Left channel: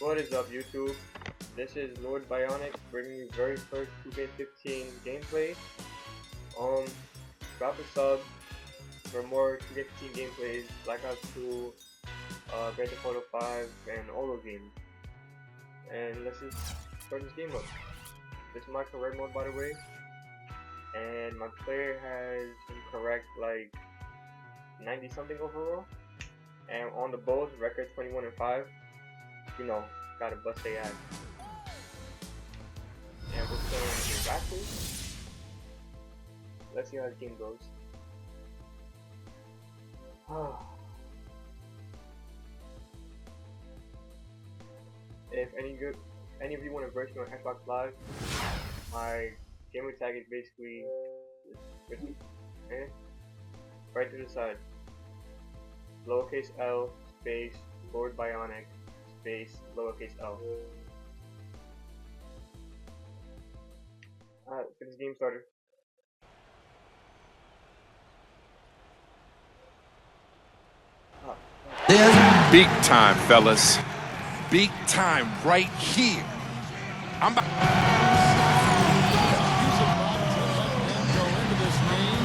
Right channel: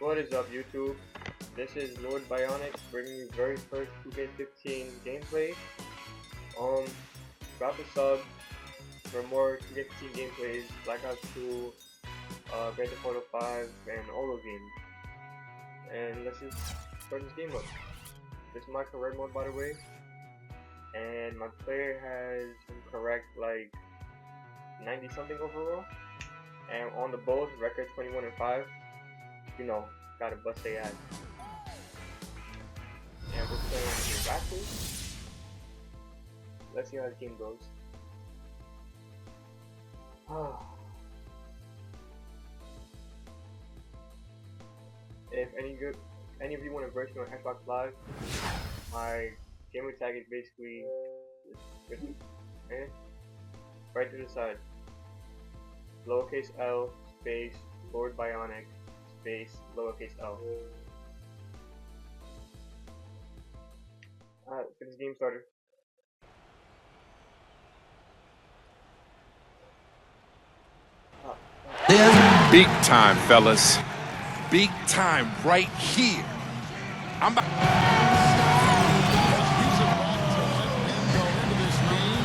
What is up, YouTube? This is Lord Bionic bringing you very first 2K15 gameplay. Drop a sub for more 2K15 gameplays, Black Ops 2, Grand Theft Auto 5, and all those games. And let's just start this game up. This is my correct mode, by the way, and my player has him correct like 90 something overall, and on the both record 21-5. You know, gotta bust their ass. And we're playing the Raptors. Let's see how the game goes. If any of you want to verse me on Xbox Live, my gamer tag is basically right to the side. Lowercase L space Lord Bionic space lowercase L. Alright, let's get this game started. Big time, fellas. Big time right here. I'm about. Well, he's about to let them go into this game,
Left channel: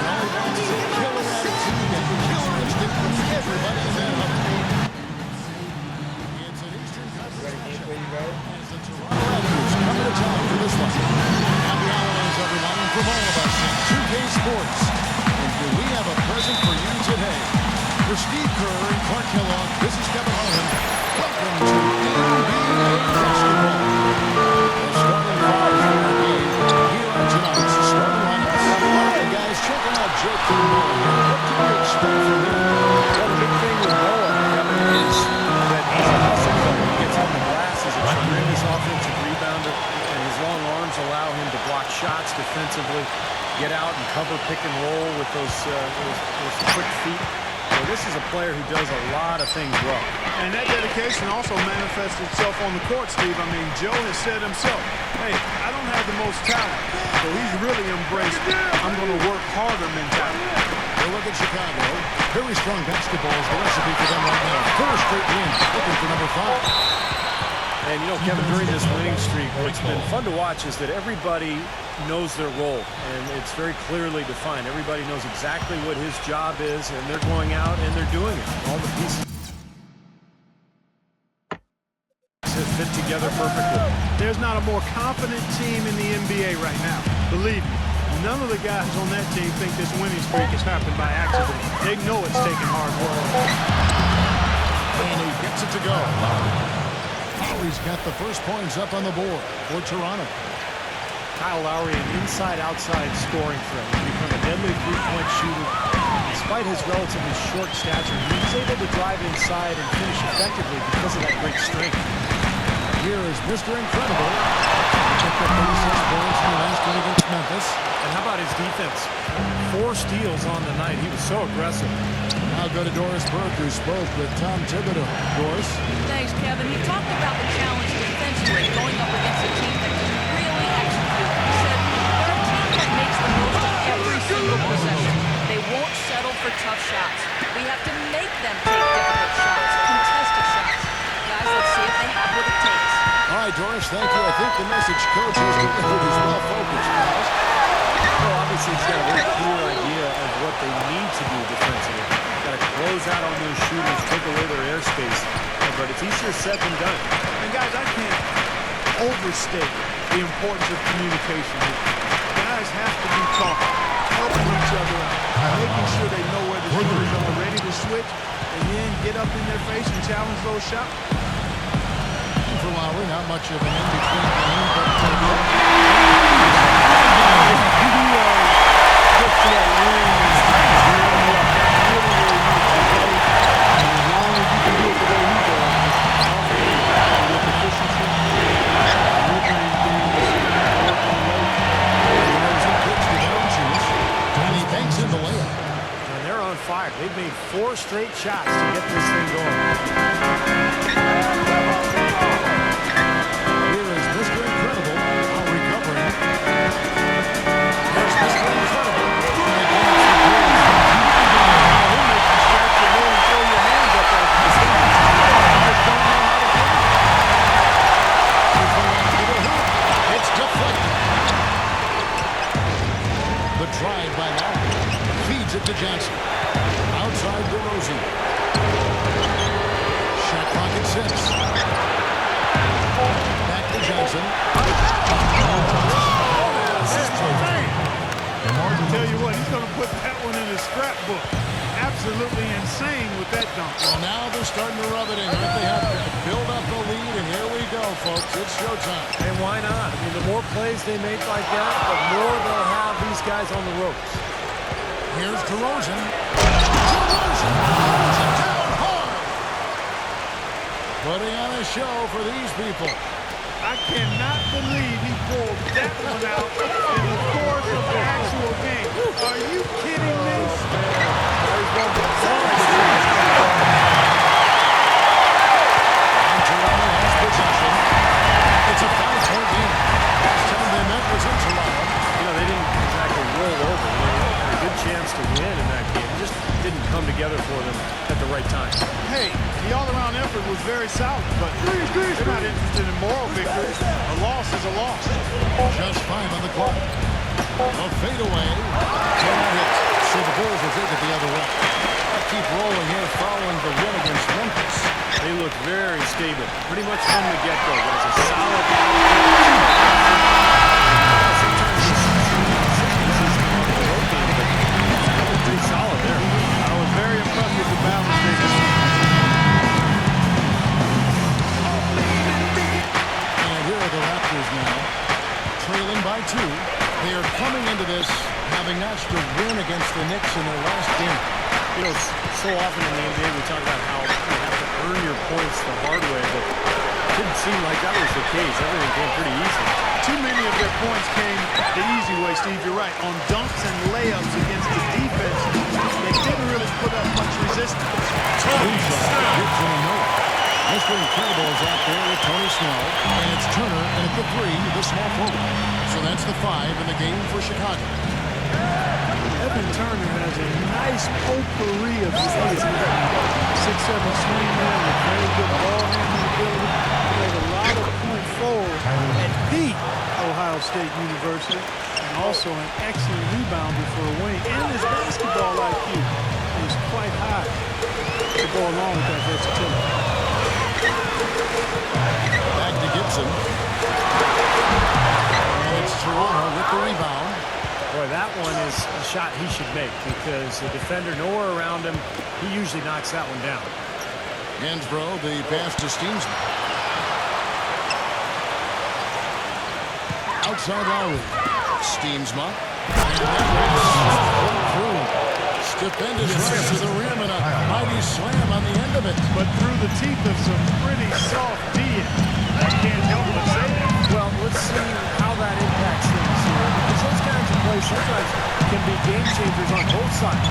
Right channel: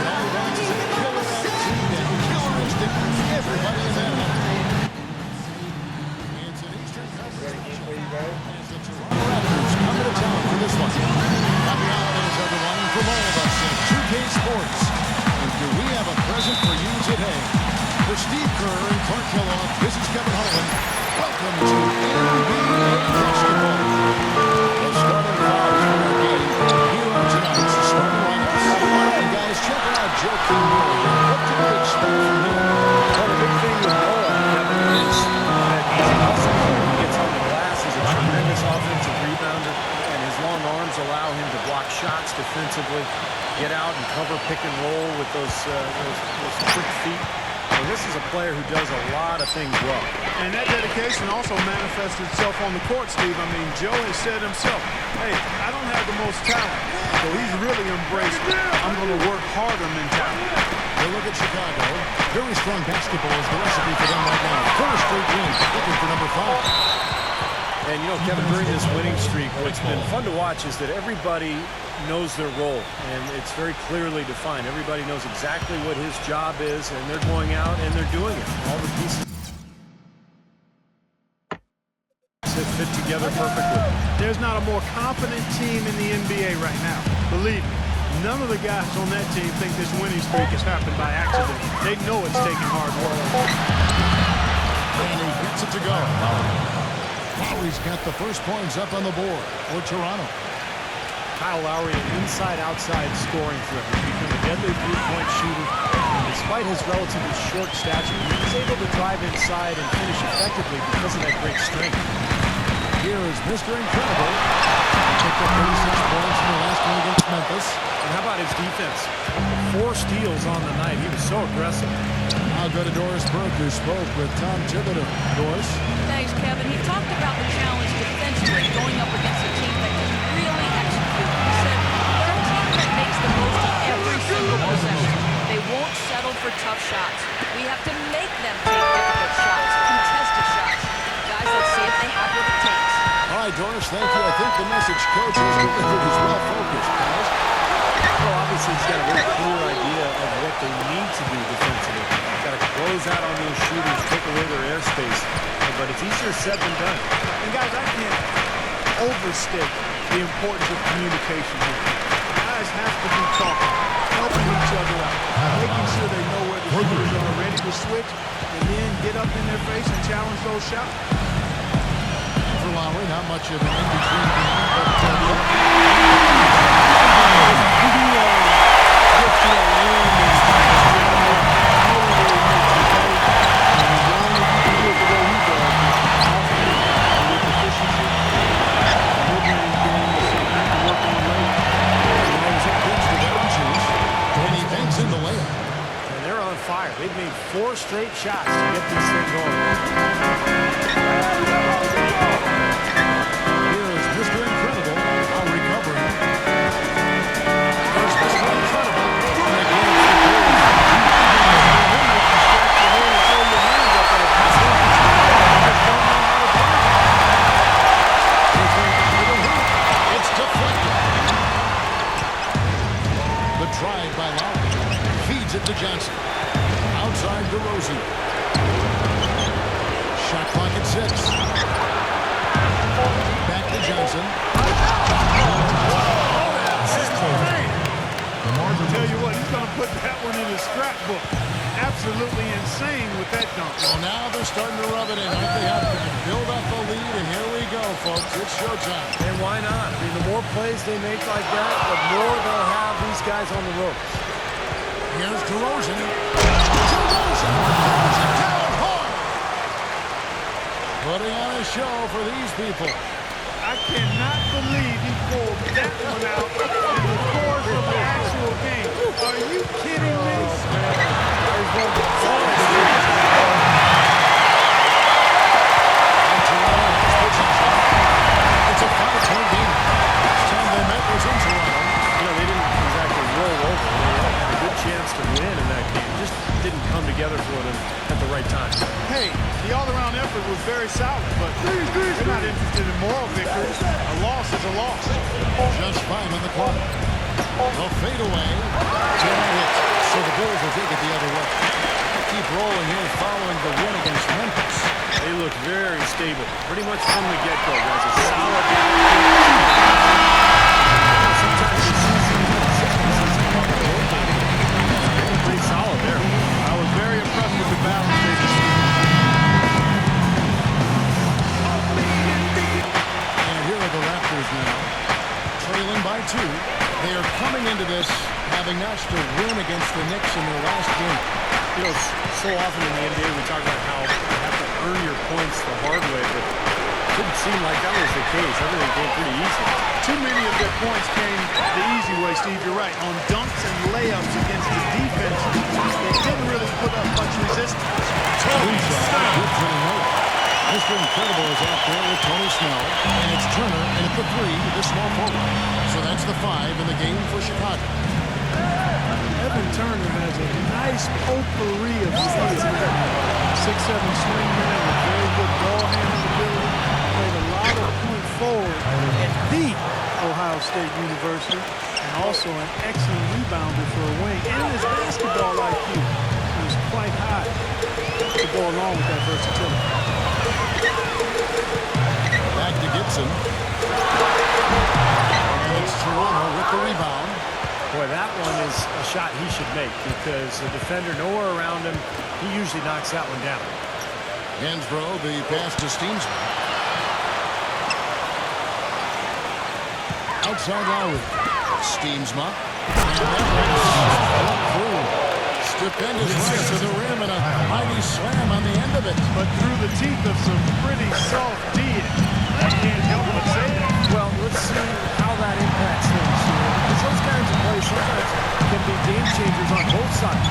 and all he wants is a killer attitude, that killer instinct from everybody in that huddle. It's an Eastern Conference matchup as the Toronto Raptors come into town for this one. Happy holidays, everyone, from all of us at 2K Sports. And do we have a present for you today? For Steve Kerr and Clark Kellogg, this is Kevin Harlan. Welcome to NBA Basketball. The starting fives for our game here on tonight's starting lineups. And guys, checking out Joakim Noah here. What can we expect from him? Well, the big thing with Noah, Kevin, is that he's a hustle player. He gets on the glass. He's a tremendous offensive rebounder, and his long arms allow him to block shots defensively, get out and cover pick and roll with those quick feet. So this is a player who does a lot of things well. And that dedication also manifests itself on the court, Steve. I mean, Joe has said himself, hey, I don't have the most talent. So he's really embraced, I'm going to work harder mentality. You look at Chicago. Very strong basketball is the recipe for them right now. 4 straight wins, looking for number 5. And, you know, Kevin, during this winning streak, what's been fun to watch is that everybody knows their role, and it's very clearly defined. Everybody knows exactly what his job is, and they're going out and they're doing it. And all the pieces fit together perfectly. There's not a more confident team in the NBA right now. Believe me, none of the guys on that team think this winning streak has happened by accident. They know it's taking hard work. And he gets it to go. Lowry's got the first points up on the board for Toronto. Kyle Lowry, an inside-outside scoring threat. He's become a deadly three-point shooter. And despite his relatively short stature, he's able to drive inside and finish effectively because of that great strength. Here is Mr. Incredible. He picked up 36 points in the last one against Memphis. And how about his defense? 4 steals on the night. He was so aggressive. I'll go to Doris Burke, who spoke with Tom Thibodeau. Doris? Thanks, Kevin. He talked about the challenge defensively, going up against a team that can really execute. He said they're a team that makes the most of every single possession. They won't settle for tough shots. We have to make them take difficult shots, contested shots. Guys, let's see if they have what it takes. All right, Doris, thank you. I think the message coach has delivered is well focused, guys. Well, obviously, he's got a very clear idea of what they need to do defensively. Got to close out on those shooters, take away their airspace. But it's easier said than done. And guys, I can't overstate the importance of communication here. Guys have to be talking, helping each other out, making sure they know where the shooters are, ready to switch, and then get up in their face and challenge those shots. And for Lowry, not much of an in-between game, but that is If he gets to that rim and beyond the arc, that's really where he makes his hay. And as long as you can do it the way he does, with often and with efficiency, the mid-range game is something you can work on late. DeRozan pitch to Valanciunas, and he banks in the layup. And they're on fire. They've made 4 straight shots to get this thing going. Here is Mr. Incredible, now recovering. Here's Mr. Incredible, and again it's the Bulls from deep. You know, he'll make you scratch your head and throw your hands up as a defender. I mean, you just don't know how to play. Here's the lob to the hoop. It's deflected. The drive by Lowry. Feeds it to Johnson. Outside DeRozan. Shot clock at 6. Back to Johnson. Tell you what, he's going to put that one in his scrapbook. Absolutely insane with that dunk. Well, now they're starting to rub it in, aren't they? Have build up a lead, and here we go, folks. It's showtime. And why not? I mean, the more plays they make like that, the more they'll have these guys on the ropes. Here's DeRozan. DeRozan throws it down hard. Putting on a show for these people. I cannot believe he pulled that one out in the course of the actual game. Are you kidding me? Oh, man. Guys won't solid if you got it, but... And Toronto has possession. It's a 5-point game. Last time they met was in Toronto. You know, they didn't exactly roll over. They had a good chance to win in that game. It just didn't come together for them at the right time. Hey, the all-around effort was very solid, but they're not interested in moral victories. A loss is a loss. Just 5 on the clock. The fadeaway cannot hit, so the Bulls will take it the other way. I'll keep rolling here following the win against Memphis. They looked very stable, pretty much from the get-go, guys. A solid output, solid effort. Sometimes you'll see some inconsistencies come up in a road game, but they were pretty solid there. I was very impressed with the balance they displayed. And here are the Raptors now, trailing by 2. They are coming into this having notched a win against the Knicks in their last game. You know, so often in the NBA we talk about how you have to earn your points the hard way, but it didn't seem like that was the case. Everything came pretty easy. Too many of their points came the easy way, Steve. You're right. On dunks and layups against the defense that didn't really put up much resistance. Inside, Gibson and Noah. Mr. Incredible is out there with Tony Snell, and it's Turner in at the 3, the small forward. So that's the 5 in the game for Chicago. Evan Turner has a nice potpourri of skills. 6'7" swingman with very good ball handling ability. Played a lot of point forward at the Ohio State University, and also an excellent rebounder for a wing. And his basketball IQ is quite high to go along with that versatility. Back to Gibson. And it's Toronto with the rebound. Boy, that one is a shot he should make because the defender nowhere around him, he usually knocks that one down. Hansbrough, the pass to Steensma. Outside Lowry. Steensma. And that one is stuck right through. Stupendous rush to the rim and a mighty slam on the end of it. But through the teeth of some pretty soft D. I can't help but say that. Well, let's see how that impacts things here, because those kinds of plays sometimes can be game changers on both sides.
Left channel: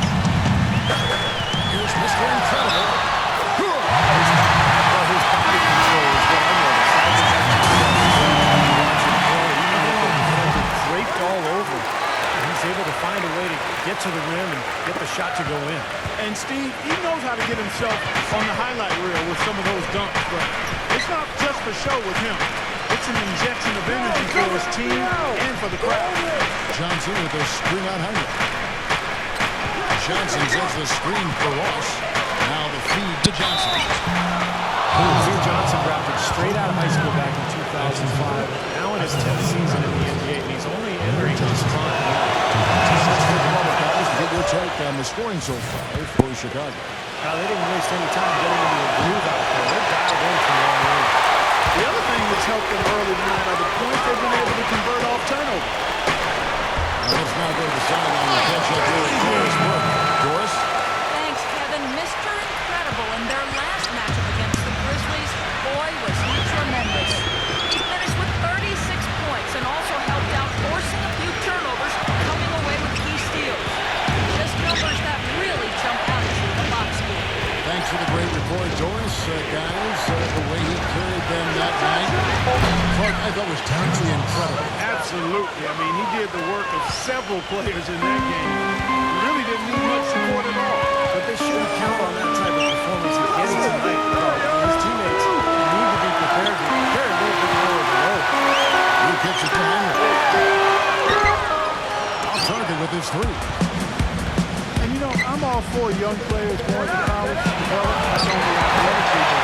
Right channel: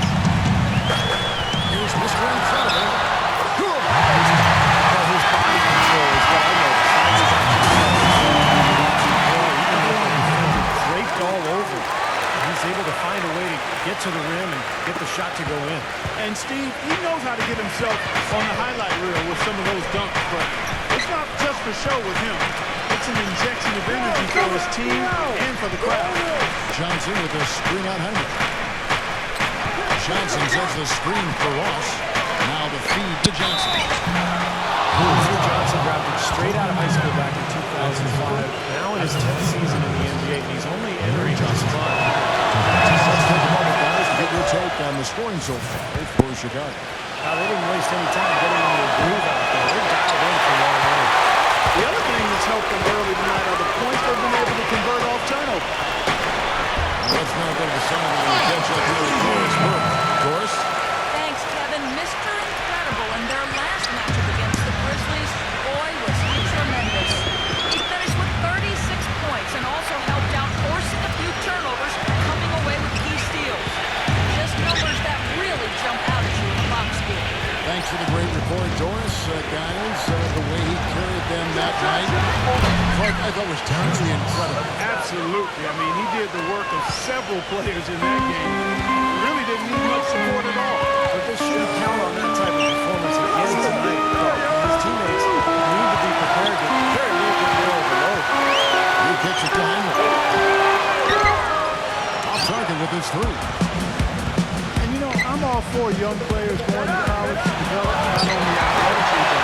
Here's Mr. Incredible. Good. Well, his body control is what I notice. I think that jumps off the page when you watch him play, even with the defender draped all over. He's able to find a way to get to the rim and get the shot to go in. And Steve, he knows how to get himself on the highlight reel with some of those dunks, but it's not just for show with him. It's an injection of energy for his team and for the crowd. Johnson with a screen on Heinrich. Johnson sets the screen for Ross. Now the feed to Johnson. Amir Johnson drafted straight out of high school back in 2005. Now in his 10th season in the NBA, and he's only entering his prime now. Let's take a moment, guys, to get your take on the scoring so far for Chicago. Now, they didn't waste any time getting into a groove out there. They're dialed in from long range. The other thing that's helped them early tonight are the points they've been able to convert off turnover. Now let's now go to the sideline and catch up here with Doris Burke. Doris? Thanks, Kevin. Mr. Incredible in their last matchup against the Grizzlies. Boy, was he tremendous. He finished with 36 points and also helped out forcing a few turnovers, coming away with key steals. Just numbers that really jump out at you in a box score. Thanks for the great report, Doris. Guys, the way he carried them that night, Clark, I thought was totally incredible. Absolutely. I mean, he did the work of several players in that game. He really didn't need much support at all. But they shouldn't count on that type of performance again tonight. His teammates need to be prepared to carry a little bit more of the load. He kicks it to Heinrich. Off target with his three. And you know, I'm all for young players going to college to develop, not only athletically, but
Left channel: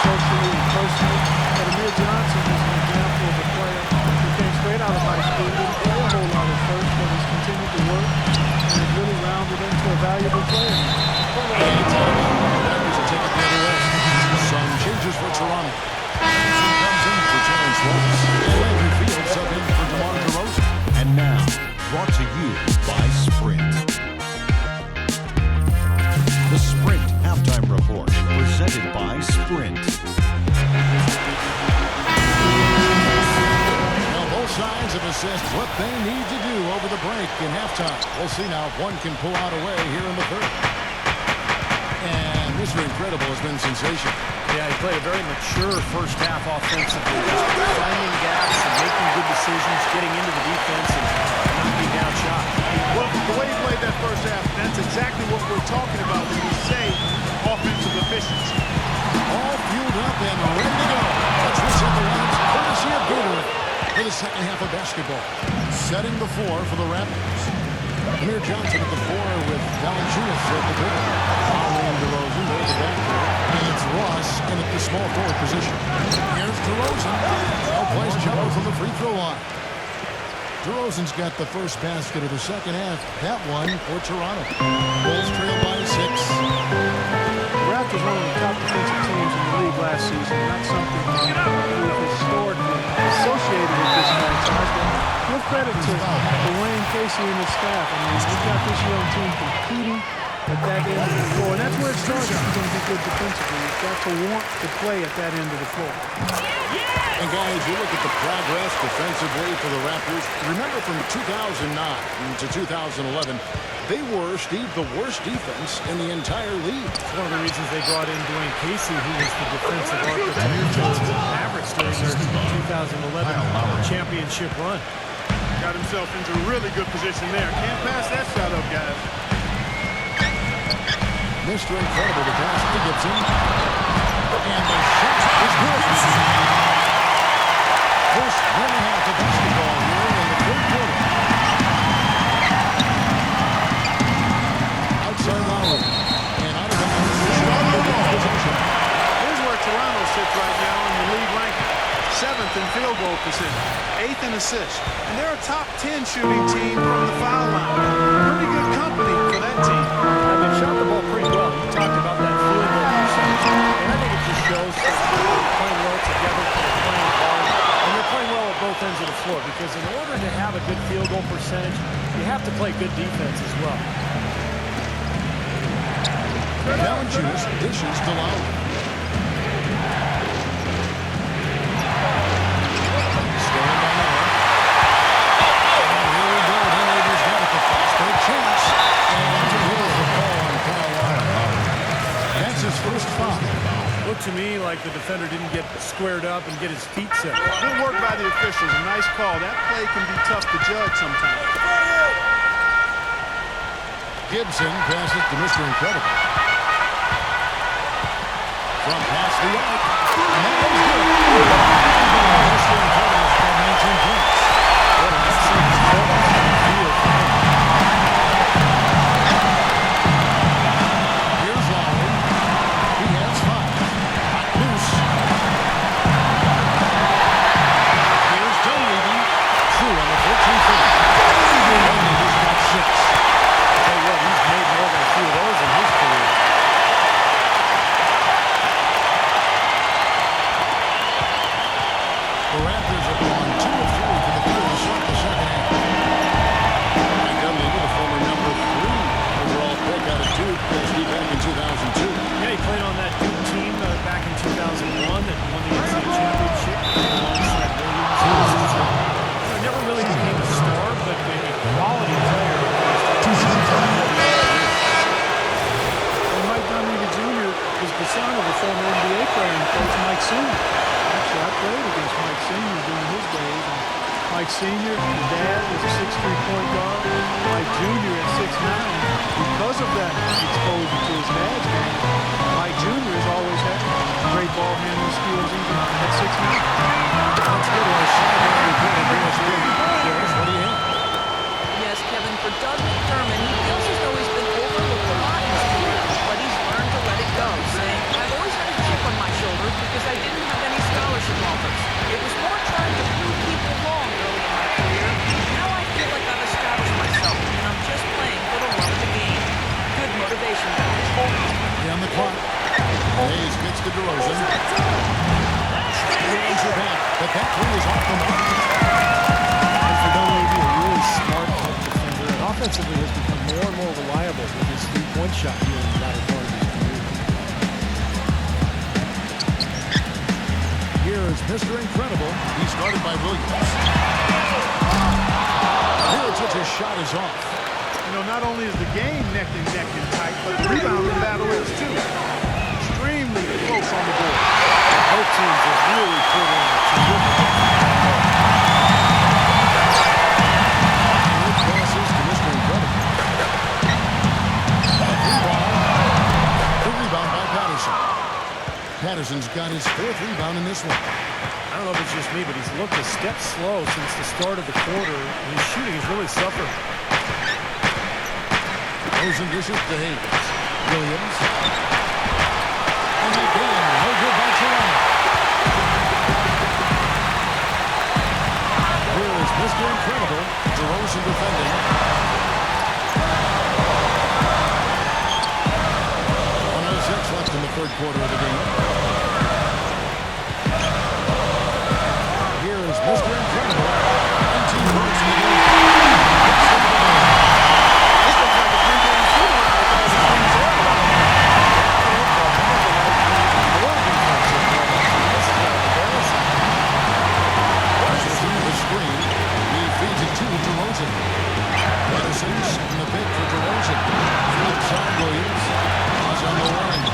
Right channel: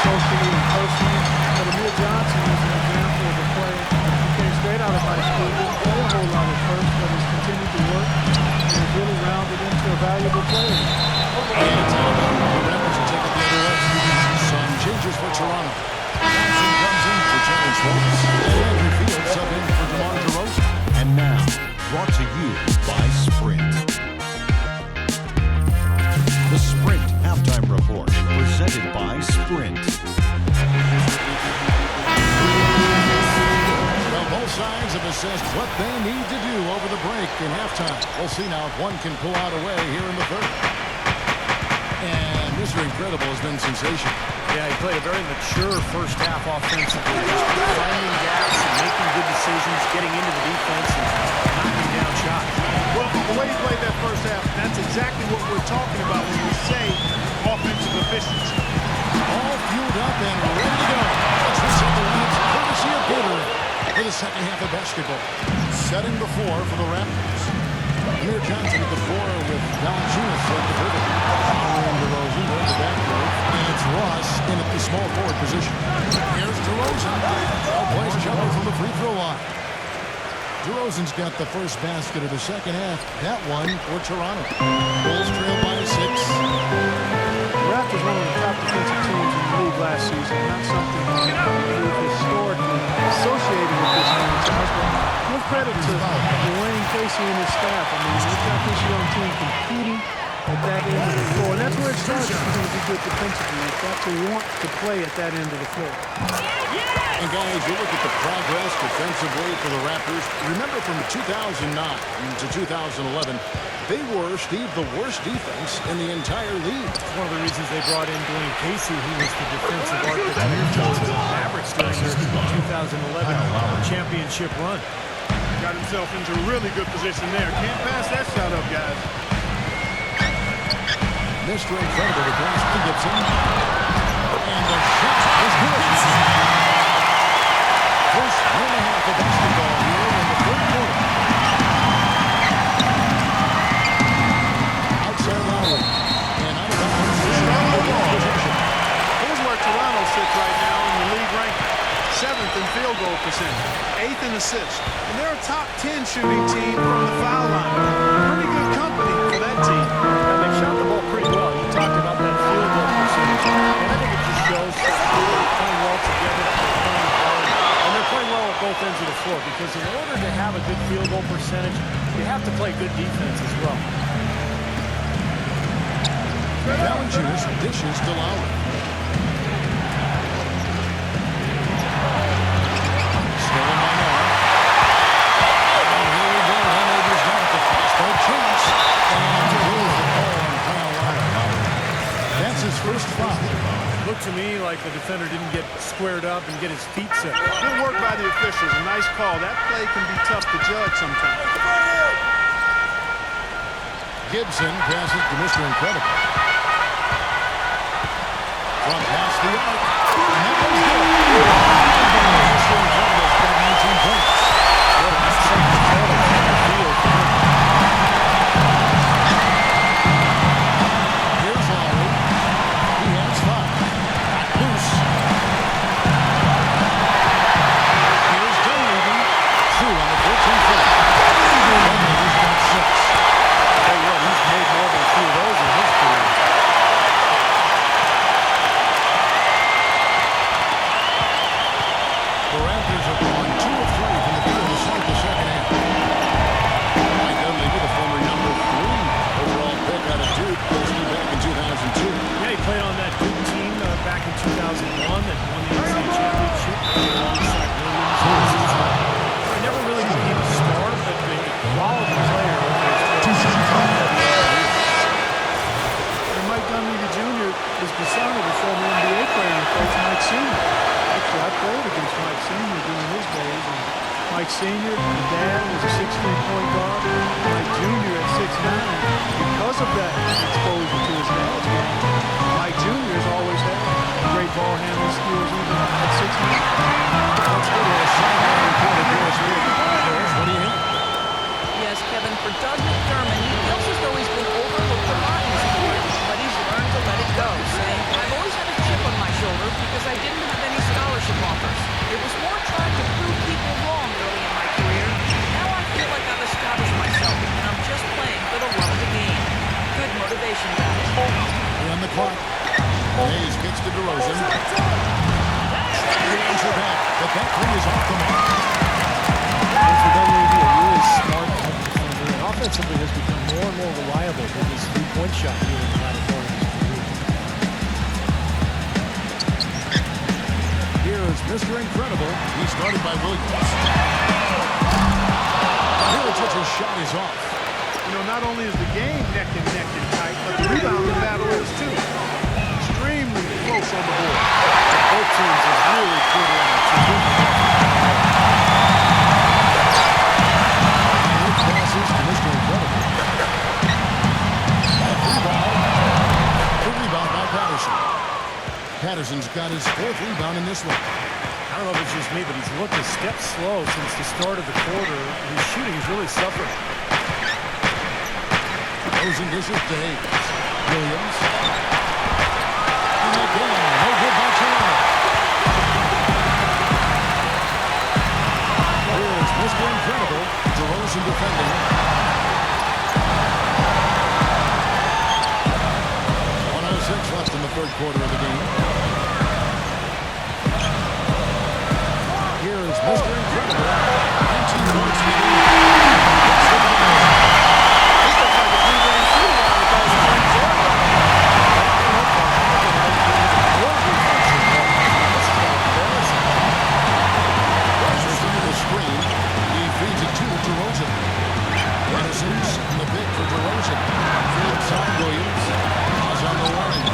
socially and personally. But Amir Johnson is an example of a player who came straight out of high school, didn't play a whole lot at first, but has continued to work and has really rounded into a valuable player now. And it's out of bounds. The Raptors will take it the other way. Some changes for Toronto. Johnson comes in for Terrence Ross. And Landry Fields sub in for DeMar DeRozan. And now, brought to you by Sprint. The Sprint Halftime Report, presented by Sprint. Well, both sides have assessed what they need to do over the break in halftime. We'll see now if one can pull out a way here in the third. And Mr. Incredible has been sensational. Yeah, he played a very mature first half offensively, just finding gaps and making good decisions, getting into the defense and knocking down shots. Well, the way he played that first half, that's exactly what we're talking about when we say offensive efficiency. All fueled up and ready to go. Let's reset the lineups courtesy of Gatorade for the second half of basketball. Setting the floor for the Raptors. Amir Johnson at the 4 with Valanciunas at the pivot. Lowry and DeRozan, they're at the backcourt. And it's Ross in at the small forward position. Here's DeRozan. Well-placed jumper from the free throw line. DeRozan's got the first basket of the second half. That one for Toronto. Bulls trail by 6. The Raptors one of the top defensive teams in the league last season. Not something we've historically associated with this franchise, but give credit to Dwayne Casey and his staff. I mean, they've got this young team competing at that end of the floor, and that's where it starts if you're going to be good defensively. You've got to want to play at that end of the floor. And guys, you look at the progress defensively for the Raptors. Remember from 2009 to 2011, they were, Steve, the worst defense in the entire league. It's one of the reasons they brought in Dwayne Casey, who was the defensive architect for the Mavericks during their 2011 championship run. Got himself into really good position there. Can't pass that shot up, guys. Mr. Incredible, the pass to Gibson. And the shot is good. First minute and a half of basketball here in the third quarter. Outside Lowry. And out of bounds, Chicago gains possession. Here's where Toronto sits right now in the league ranking. 7th in field goal percentage, 8th in assists, and they're a top 10 shooting team from the foul line. Pretty good company for that team. And they shot the ball pretty well. You talked about that field goal percentage, and I think it just shows that they're playing well together, they're playing hard, and they're playing well at both ends of the floor, because in order to have a good field goal percentage, you have to play good defense as well. Valanciunas dishes to Lowry. Stolen by Noah. And oh, here we go. Dunleavy's got it. The fast break chance. And there's the call on Kyle Lowry. That's his first foul. Looked to me like the defender didn't get squared up and get his feet set. Good work by the officials. A nice call. That play can be tough to judge sometimes. Gibson passes to Mr. Incredible. Front pass the arc. And that one's good. Mr. Incredible's got 19 points. What an excellent performance from the field for him. Here's Lowry. He has 5. Locked loose. Here's Dunleavy. True on the 14-footer. Dunleavy's got 6. I'll tell you what, he's made more than a few of those in his career. The Raptors have gone 2 of 3 from the field to start the second half. Mike Dunleavy, the former number 3 overall pick out of Duke, Steve, back in 2002. Yeah, he played on that Duke team back in 2001 that won the NCAA championship. Played alongside Williams, who never really became a star, but a quality player over his 12 seasons in the NBA career. And Mike Dunleavy Jr. is the son of a former NBA player and coach Mike Sr. Actually, I played against Mike Sr. during his days, and Mike Sr., the dad, was a 6'3" point guard. Mike Jr. at 6'9". Because of that exposure to his dad's game, Mike Jr. has always had great ball handling skills even at 6'9". Let's go to our sideline reporter, Doris Burke. Doris, what do you have? Yes, Kevin, for Doug McDermott, he feels as though he's been overlooked a lot in his career, but he's learned to let it go, saying, I've always had a chip on my shoulder because I didn't have any scholarship offers. It was more trying to prove people wrong early in my career. Now I feel like I've established myself, and I'm just playing for the love of the game. Good motivation, guys. On the clock. Hayes kicks to DeRozan. Trying to answer back, but that three is off the mark. And for Dunleavy, a really smart help defender, and offensively has become more and more reliable with his three-point shot here in the latter part of his career. Here is Mr. Incredible. He's guarded by Williams. Miritic's shot is off. You know, not only is the game neck and tight, but the rebounding battle is too. Extremely close on the board. Both teams have really put in a terrific effort down low. Passes to Mr. Incredible. A free ball. The rebound by Patterson. Patterson's got his fourth rebound in this one. I don't know if it's just me, but he's looked a step slow since the start of the quarter. His shooting has really suffered. Rosen dishes to Hayes. Williams. And again, no good by Toronto. Here is Mr. Incredible. DeRozan defending. 1:06 left in the third quarter of the game. Here is Mr. Incredible. 19 points in the game. And he gets the bucket. This looks like a three-game shoot-around with all the threes they're allowing. Yeah, I don't know, Clark. I think there might be even more defense in warm-ups. I mean, this is kind of embarrassing. Patterson, the screen. He feeds it to DeRozan. Patterson setting the pick for DeRozan. Outside Williams. Pass on the wing.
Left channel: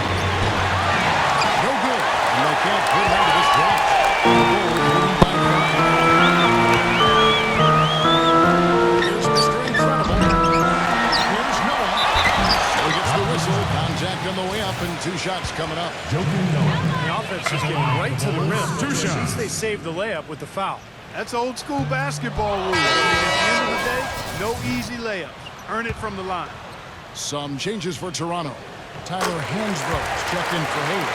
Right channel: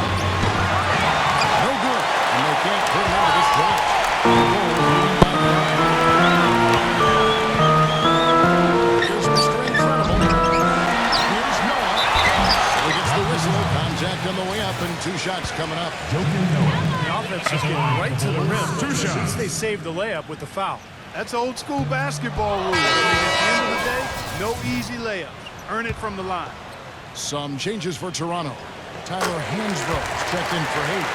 No good. And they can't put him into this drought. The Bulls leading by 5. Here's Mr. Incredible. Here's Noah. So he gets the whistle. Contact on the way up and two shots coming up. The offense just getting right to the rim, but at least they saved the layup with the foul. That's old school basketball rule. I mean, at the end of the day, no easy layups. Earn it from the line. Some changes for Toronto. Tyler Hansbrough checked in for Hayes.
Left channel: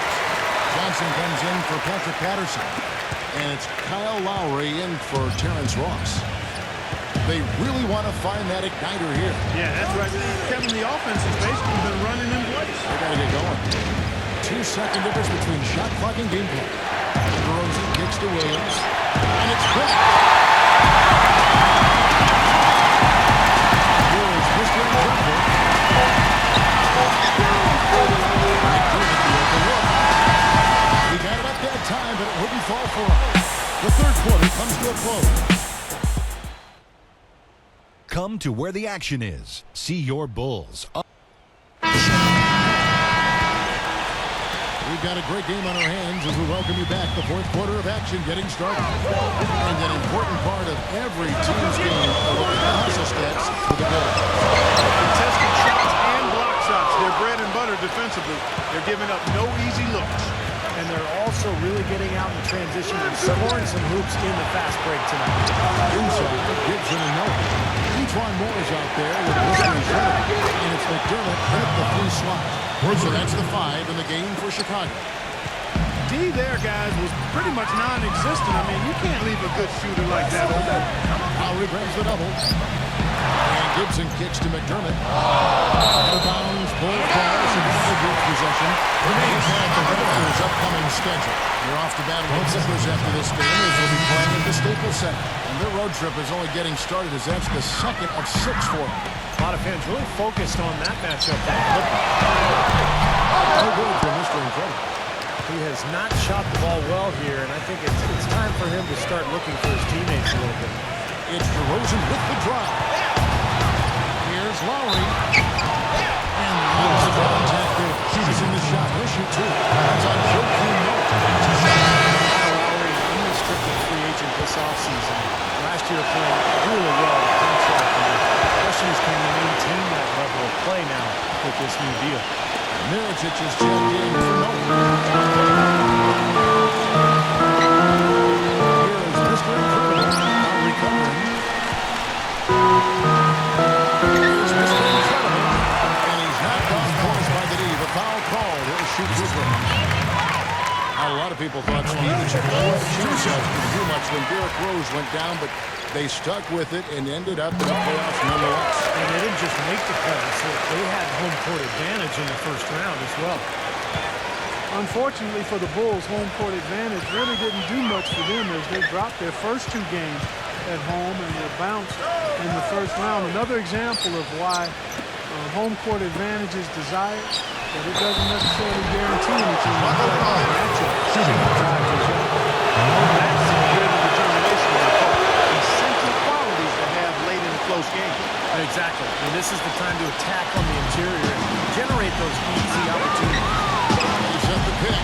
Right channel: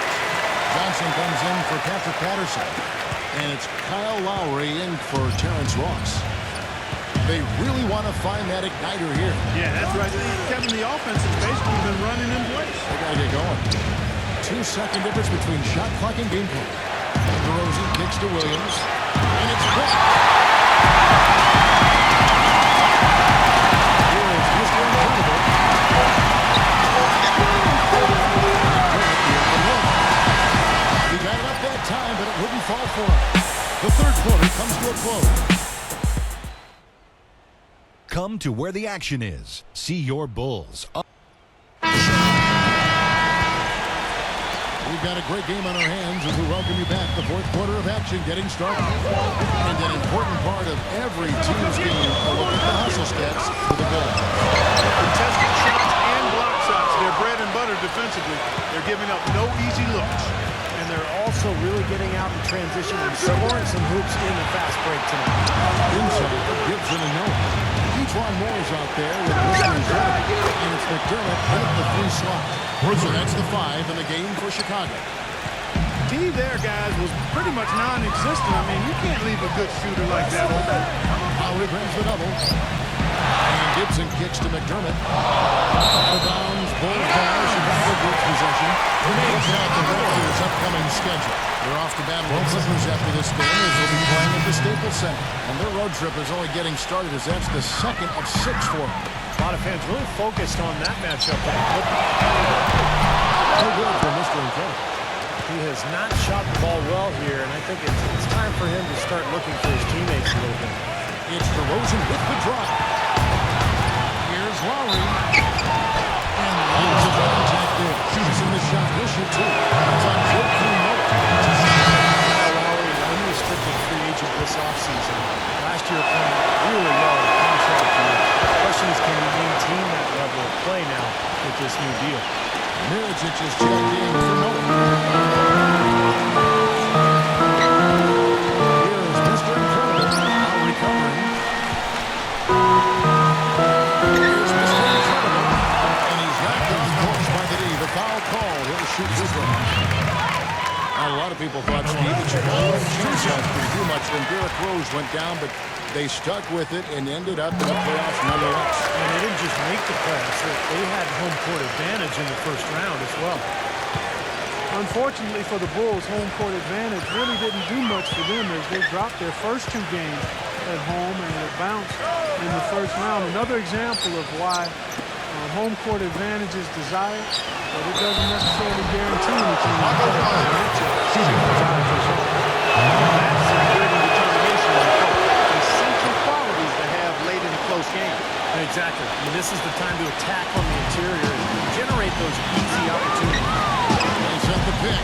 Johnson comes in for Patrick Patterson. And it's Kyle Lowry in for Terrence Ross. They really want to find that igniter here. Yeah, that's right. Kevin, the offense has basically been running in place. They got to get going. 2-second difference between shot clock and game clock. DeRozan kicks to Williams. And it's blocked. Here is Mr. Incredible. McDermott, the open look. He got it up that time, but it wouldn't fall for him. The third quarter comes to a close. Come to where the action is. See your Bulls. We've got a great game on our hands as we welcome you back. The fourth quarter of action getting started. And an important part of every team's game, a look at the hustle stats for the Bulls. Contested shots and block shots. They're bread and butter defensively. They're giving up no easy looks. And they're also really getting out in transition and scoring some hoops in the fast break tonight. Inside, Gibson and Noah. Etuan Moore is out there with Mr. Incredible. And it's McDermott in at the 3 slot. So that's the 5 in the game for Chicago. D there, guys, was pretty much non-existent. I mean, you can't leave a good shooter like that open. Lowry brings the double. And Gibson kicks to McDermott. Out of bounds, Bulls ball. Chicago gets possession. Look now at the Raptors' upcoming schedule. They're off to battle the Clippers after this game as they'll be playing at the Staples Center. And their road trip is only getting started as that's the second of 6 for them. A lot of fans really focused on that matchup for the Clippers. No good for Mr. Incredible. He has not shot the ball well here, and I think it's time for him to start looking for his teammates a little bit. It's DeRozan with the drive. Here's Lowry. And lots of contact there. Missing the shot. He'll shoot 2. That's on Joakim Noah. Kyle Lowry, an unrestricted free agent this offseason. Last year playing really well in a contract year. The question is, can he maintain that level of play now with this new deal? Mirotic is checked in for Noah. Here is Mr. Incredible, out recovering. Here's Mr. Incredible, and he's knocked off course by the D. The foul called. He'll shoot free throws. Now, a lot of people thought, Steve, that Chicago had a chance last year to do much when Derrick Rose went down, but they stuck with it and ended up in the playoffs nonetheless. And they didn't just make the playoffs. They had home court advantage in the first round as well. Unfortunately for the Bulls, home court advantage really didn't do much for them as they dropped their first 2 games at home and were bounced in the first round. Another example of why home court advantage is desired, but it doesn't necessarily guarantee anything in the playoffs. Matchups drive results. That's grit and determination in the coach. Essential qualities to have late in a close game. Exactly. I mean, this is the time to attack on the interior and generate those easy opportunities. They set the pick.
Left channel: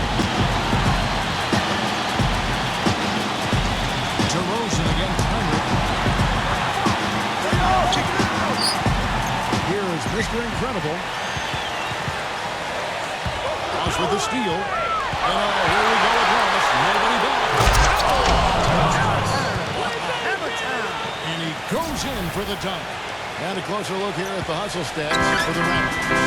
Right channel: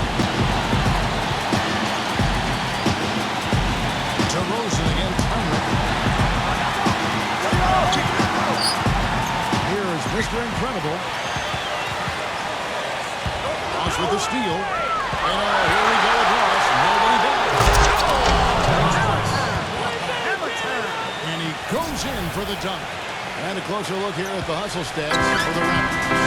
DeRozan against Heinrich. Here is Mr. Incredible. Ross with the steal. And here we go with Ross. Nobody back. Hammer time! And he goes in for the dunk. And a closer look here at the hustle stats for the Raptors.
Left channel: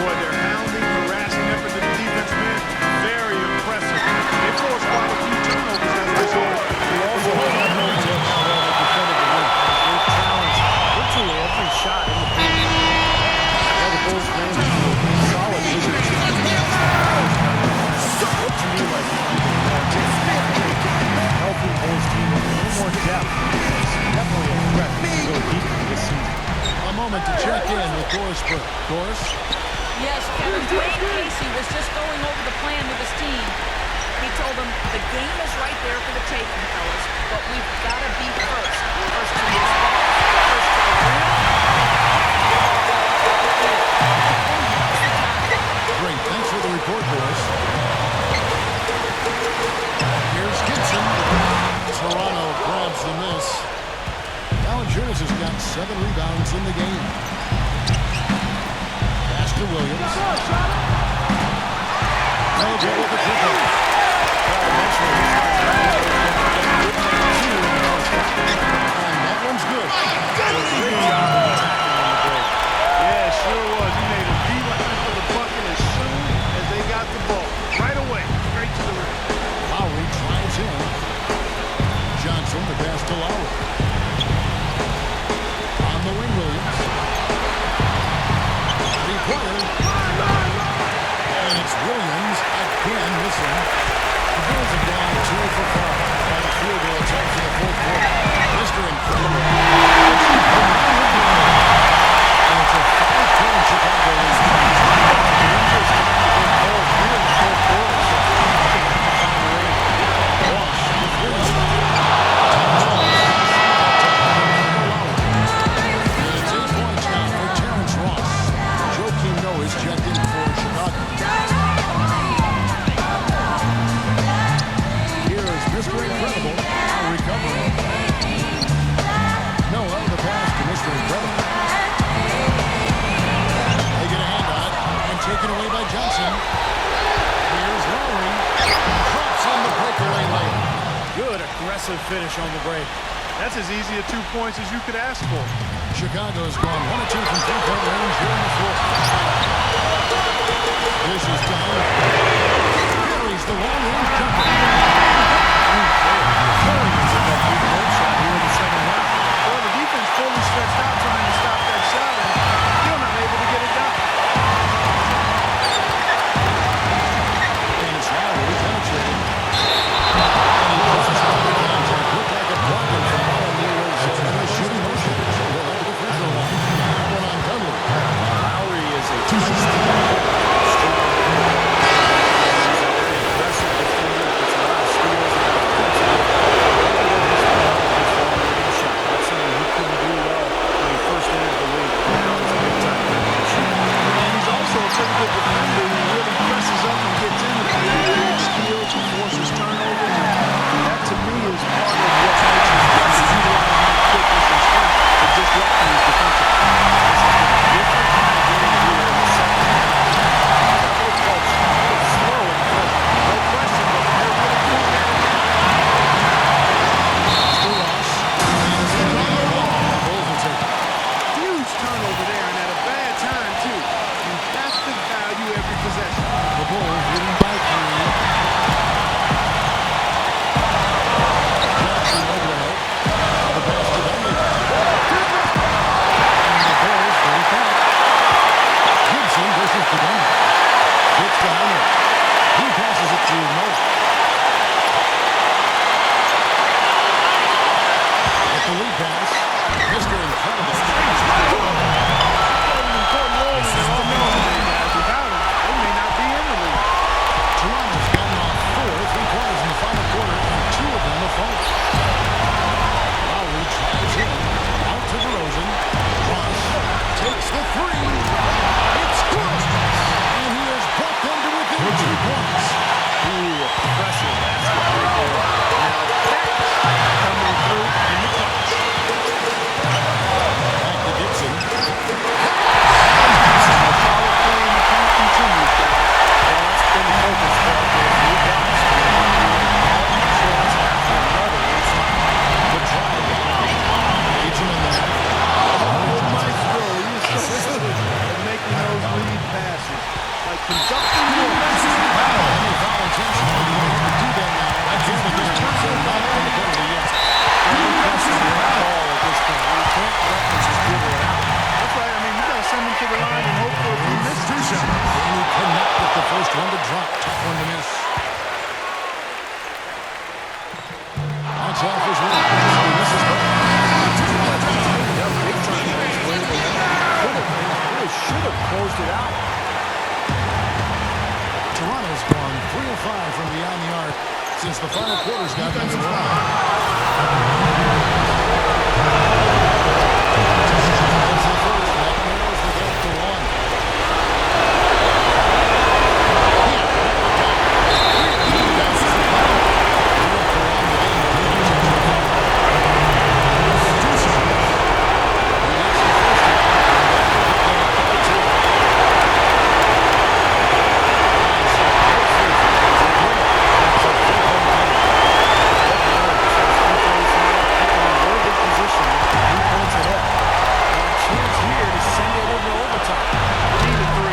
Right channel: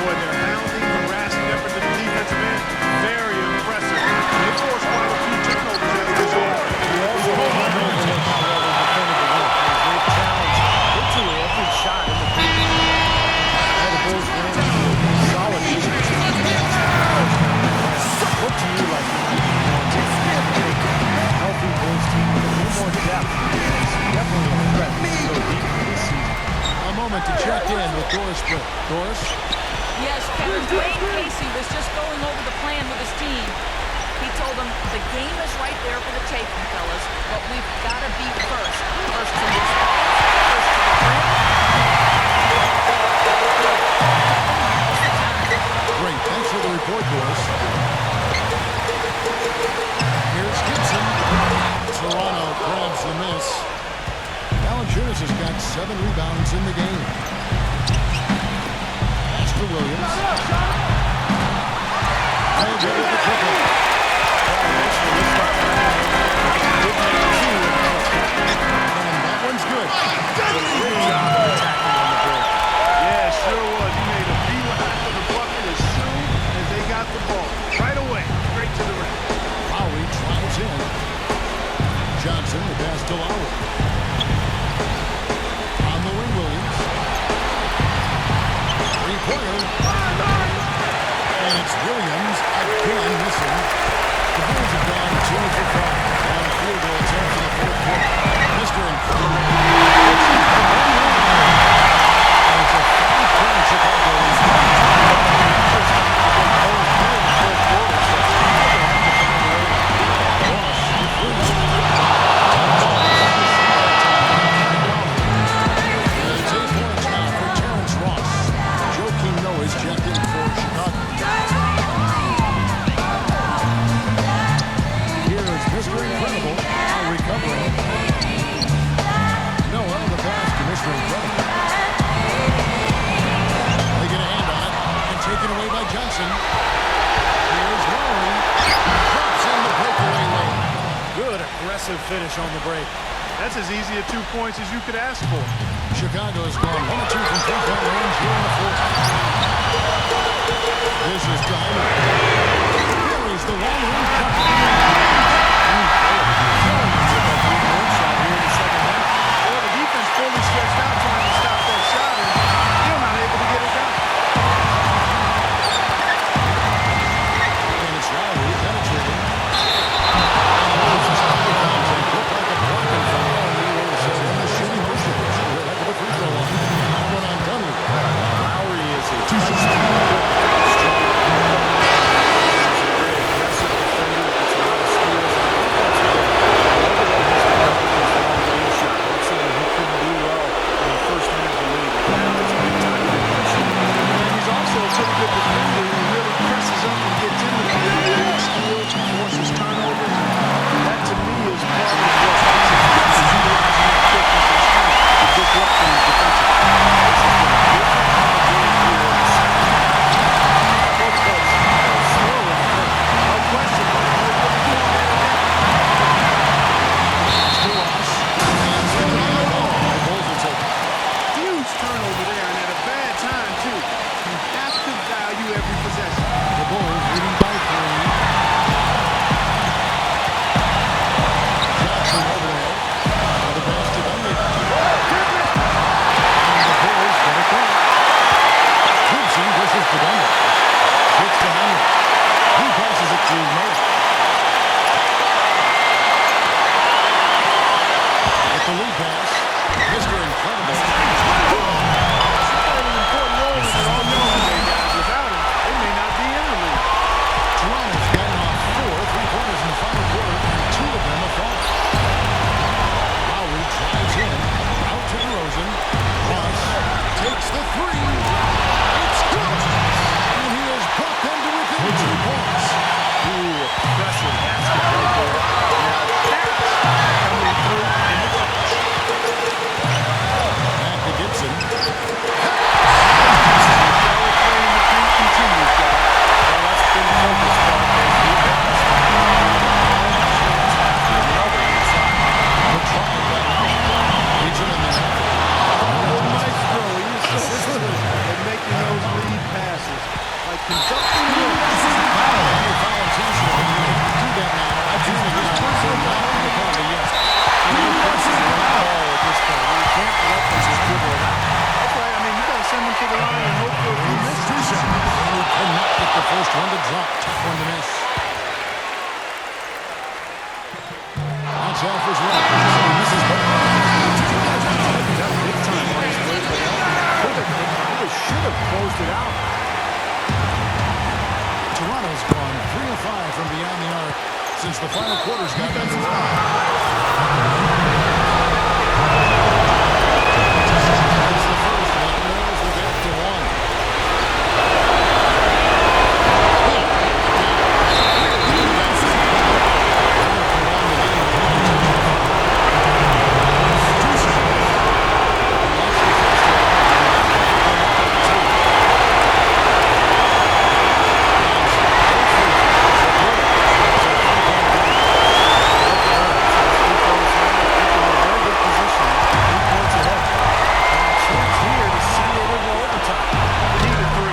Boy, their hounding, harassing effort to the defensive end, very impressive. And they forced quite a few turnovers as a result. You also can't overlook how well they defended the rim, as they've challenged virtually every shot in the paint. Well, the Bulls ran into a solid Wizards team and lost in the first round of the playoffs. It looked to me like they might have been worn down. I think a healthy Bulls team with a little more depth is definitely a threat to go deeper this season. A moment to check in with Doris Burke. Doris? Yes, Kevin, Dwayne Casey was just going over the plan with his team. He told them the game is right there for the taking, fellas, but we've got to be first. First to loose balls, first to the rim. We have to get our ball right here. Kevin, now's the time. Great. Thanks for the report, Doris. Here's Gibson. Toronto grabs the miss. Valanciunas has got 7 rebounds in the game. Pass to Williams. No good with the triple. Well, eventually he'll start knocking those down again. He did make 2 in the first half. And that one's good. So a great job of attacking on the break. Yeah, sure was. He made a beeline for the bucket as soon as they got the ball. Right away, straight to the rim. Lowry drives in. Johnson, the pass to Lowry. On the wing, Williams. Three-pointer. And it's Williams again missing. The Bulls have gone 2 for 5 on field goal attempts in the fourth quarter. Mr. Incredible. It's hit from long range. And it's a 5-point Chicago lead. Well, it's a dangerous time to go cold here in the fourth quarter, so you're going to have to find the range. Ross for 3. That ball is that time from Kyle Lowry. And it's 8 points now for Terrence Ross. Joakim Noah is checked in for Chicago. Here is Mr. Incredible, out recovering. Noah, the pass to Mr. Incredible. They get a hand on it and taken away by Johnson. Here's Lowry. Drops in the breakaway layup. Good aggressive finish on the break. That's as easy at 2 points as you could ask for. Chicago has gone 1 of 2 from 3-point range here in the fourth. This is Tyler. Buries the long-range jumper. They are killing him with that 3-point shot here in the second half. Well, the defense fully stretched out trying to stop that shot and still not able to get it done. And it's Lowry penetrating. And he crossed body contact. Looked like a blocking foul, and he was in the shooting motion. So he'll head to the free throw line. That one on Dudley. Lowry is a feisty, quick, strong player. He's a very aggressive defender. Gets a lot of steals. And that offensively, I love the way he's developed his long-range shot. That's something he couldn't do well when he first entered the league. But now he's a big-time three-point shooter. And he's also a pretty good defender who really presses up and gets in the paint, creates steals and forces turnovers. And That, to me, is part of what makes him special, utilizing that quickness and strength to disrupt things defensively. This has been a different kind of game here in the second half. I thought both clubs a little slow in the first. No question, but they're really doing that in that. Mr. Ross, and it's going to be out of bounds. The Bulls will take it. Huge turnover there, and at a bad time, too. You have to value every possession. The Bulls leading by 3. Jackson over to help. Now the pass to Dunleavy. And the Bulls get it back. Gibson pushes to Dunleavy. Kicks to Heinrich. He passes it to Noah. At the lead pass, Mr. Incredible. He played an important role in their offense today, guys. Without him, they may not be in the league. Toronto's gotten off 4 3-pointers in the final quarter, and 2 of them have fallen. Lowry drives in, out to DeRozan. Ross takes the 3. It's good! And he has brought them to within 2 points. Ooh, a pressure basket right there. Now that's coming through in the clutch. Back to Gibson. The solid play in the paint continues, guys. Well, that's been the focus, Clark, as we've watched. And they created one chance after another inside. The drive by Lowry. Leads him in there. Oh, Maestro, he is so good at making those lead passes. Like conducting an orchestra. And they foul intentionally. They're going to have to do that now again and again. They're not in the penalty yet. Yeah, no question the right call at this point. You can't let them just dribble it out. That's right. I mean, you got to send them to the line and hope for a few misses. And he cannot get the first one to drop. Tough one to miss. That's off his one. So he misses both. He tightened up big time on his way to the line. He could have and really should have closed it out. Toronto's gone 3 of 5 from beyond the arc since the final quarter's gotten underway. That's the first. That narrows the gap to 1. Can't knock it down. Really needed that. They're going to prolong the game with an intentional foul. He hits the first one, and that will put them up by 2. Both free throws are good. It's a 3-point game. What nerves. Those free throws now keep them in a very good position. 3 points ahead. And a chance here to send it into overtime. Need a 3.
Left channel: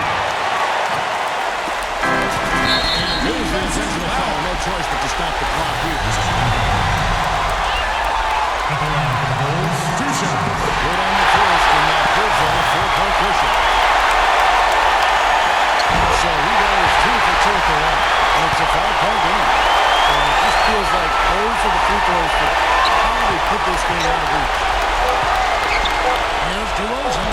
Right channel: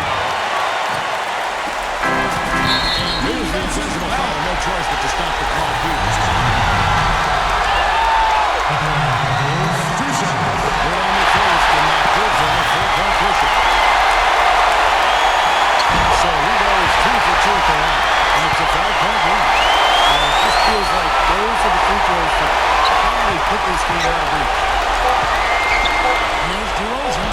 And there's the intentional foul. No choice but to stop the clock here. Good on the first, and that gives them a 4-point cushion. So he goes 2 for 2 at the line, and it's a 5-point game. And it just feels like those are the free throws that probably put this game out of reach. Here's DeRozan.